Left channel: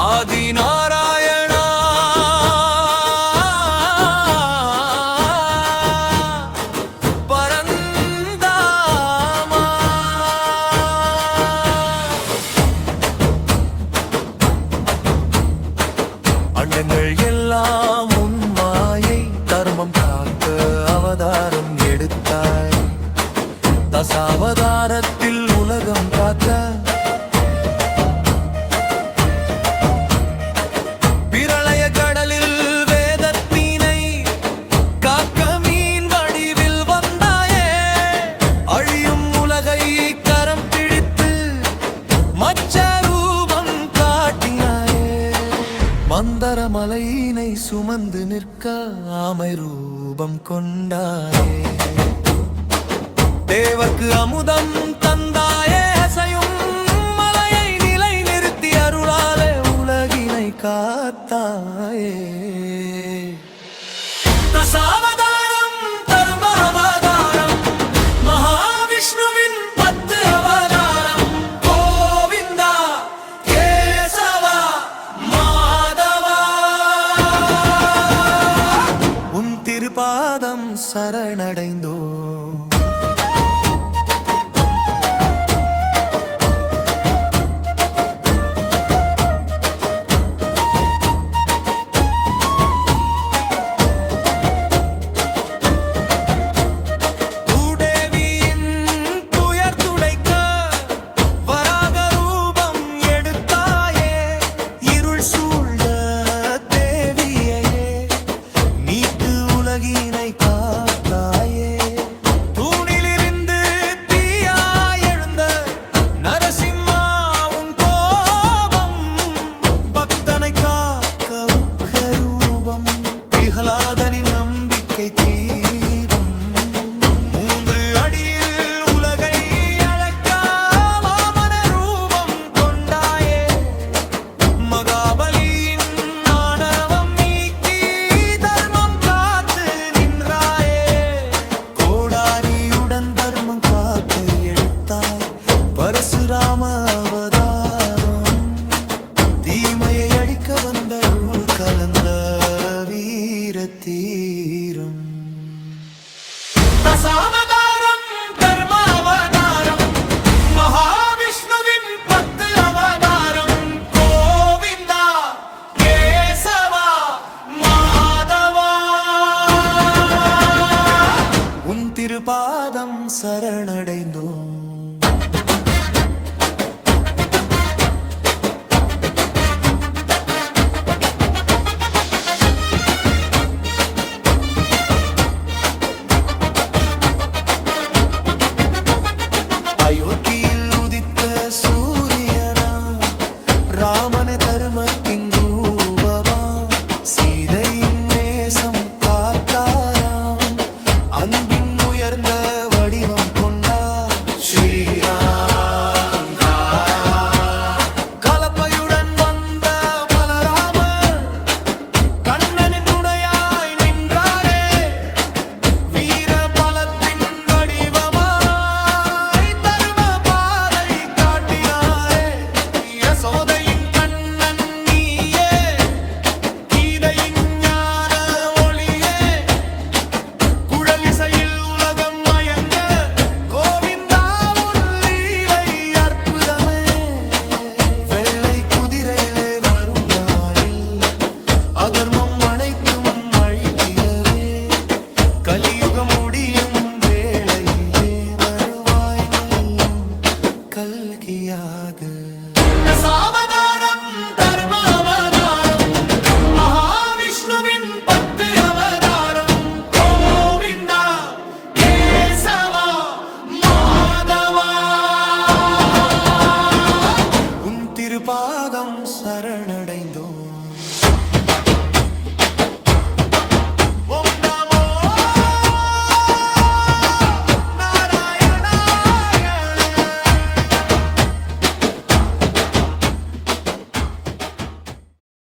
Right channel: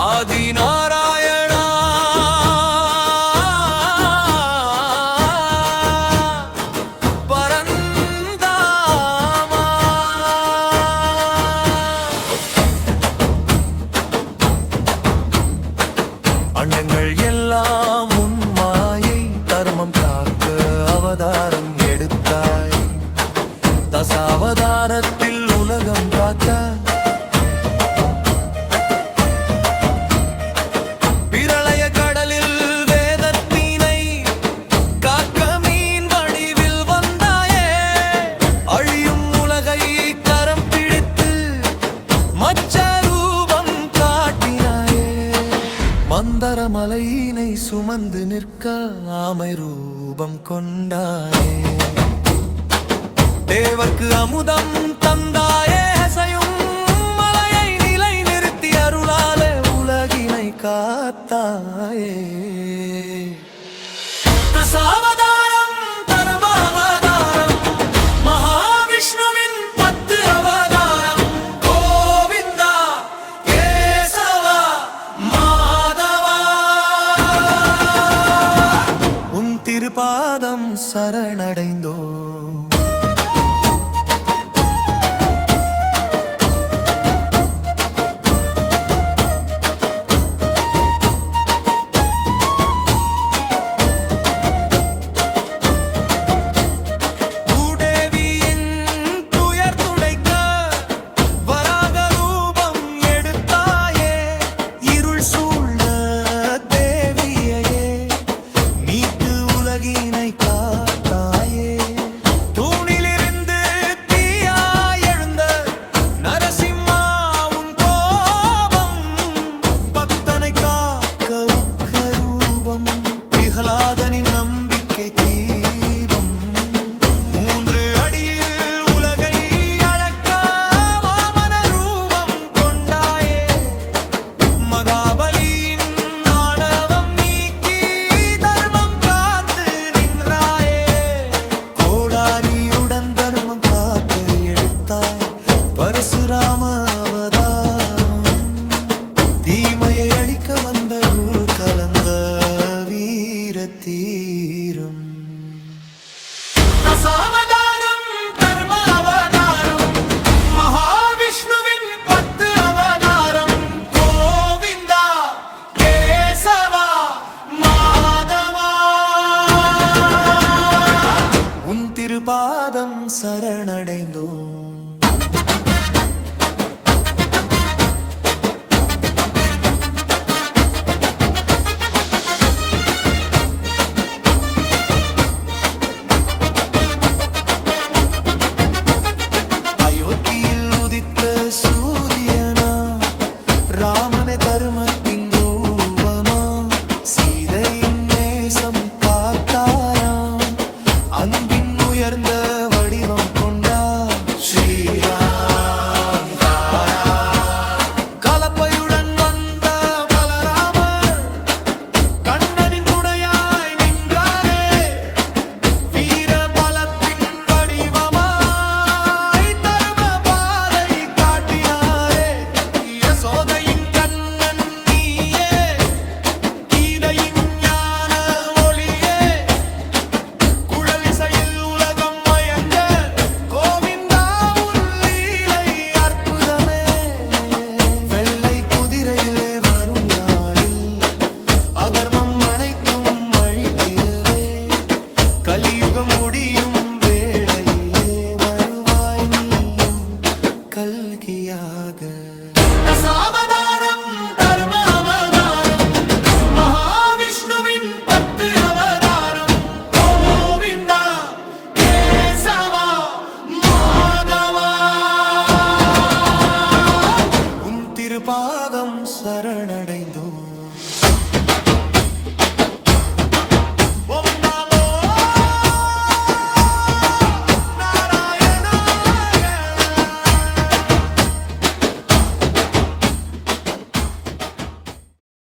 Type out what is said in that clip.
ஆதி நாராயணா பரந்தாமா. அண்டங்கள் எல்லாம் உன் மாயை, தர்மம் காக்க அவதாரம் எடுத்தாய். தசாவதாரத்தில் உலகம் காத்த பிரளய கடலில் வேதத்தினை காக்க மீன் வடிவில் வந்தாயே. அழியும் உலகை கரம் பிடித்து மச்ச ரூபம் காட்டினாயே. மந்தர மலையினை சுமந்து நிற்க ஆமை ரூபம் கொண்டாயே. தேவர்க்கு அமுதம் தந்தாயே, அசையும் மலையை நிலை நிறுத்தி அருளாலே உலகினை காத்தாயே. தசாவதாரம் தர்மாவதாரம், மகாவிஷ்ணுவின் 10 அவதாரம். கோவிந்தா கேசவா மாதவா, உன் திருப்பாதம் சரணடைந்தோ. உலகினை காத்தாயே. தூணிலிருந்து தீயாய் எழுந்த நரசிம்மா உன் கோபம், பக்தனை காக்க உக்கரூபம். பிரகலாதனின் நம்பிக்கை தீபம், 3 அடியில் உலகை அழக்க வாமன ரூபம் கொண்டாயே. மகாபலியின் ஆணவம் நீக்கி தர்மம் காத்து நின்றாயே. கோடாரியுடன் தர்மம் காக்க எடுத்தாய் பரசுராம அவதாரம். தீமையை அழிக்க வந்த ரூல் கலந்த வீர தீரம். தசாவதாரம் தர்மாவதாரம், மகாவிஷ்ணுவின் 10 அவதாரம். கோவிந்தா கேசவா மாதவா, உன் திருப்பாதம் சரணடைந்தோம். அயோத்தியில் உதித்த சூரியனா, ராமனே தர்மத்தின் ரூபமா. சீதையின் நேசம் காத்தாராம், அன்பின் உயர்ந்த வடிவம் கொண்டா. ஸ்ரீராம் தாரா கலப்பையுடன் வந்த பலராமர், கண்ணனின் துணையாய் நின்றாரே. வீர பலத்தின் வடிவமாய் தர்ம பாதை காட்டினாரே. யசோதையின் கண்ணன் நீயே, கீதையின் ஞான ஒளியே. குழலிசையில் உலகம் மயங்க, கோவிந்தா உன் லீலை அற்புதமே. வெள்ளை குதிரையிலே வரும் நாளில் அதர்மம் அனைத்தும் அழித்திடவே. கலியுகம் முடியும் வேளையிலே வருவாய் நீயும் கல்கியாக. தசாவதாரம் தர்மாவதாரம், மகாவிஷ்ணுவின் 10 அவதாரம். கோவிந்தா கேசவா மாதவா, உன் திருப்பாதம் சரணடைந்தோம்.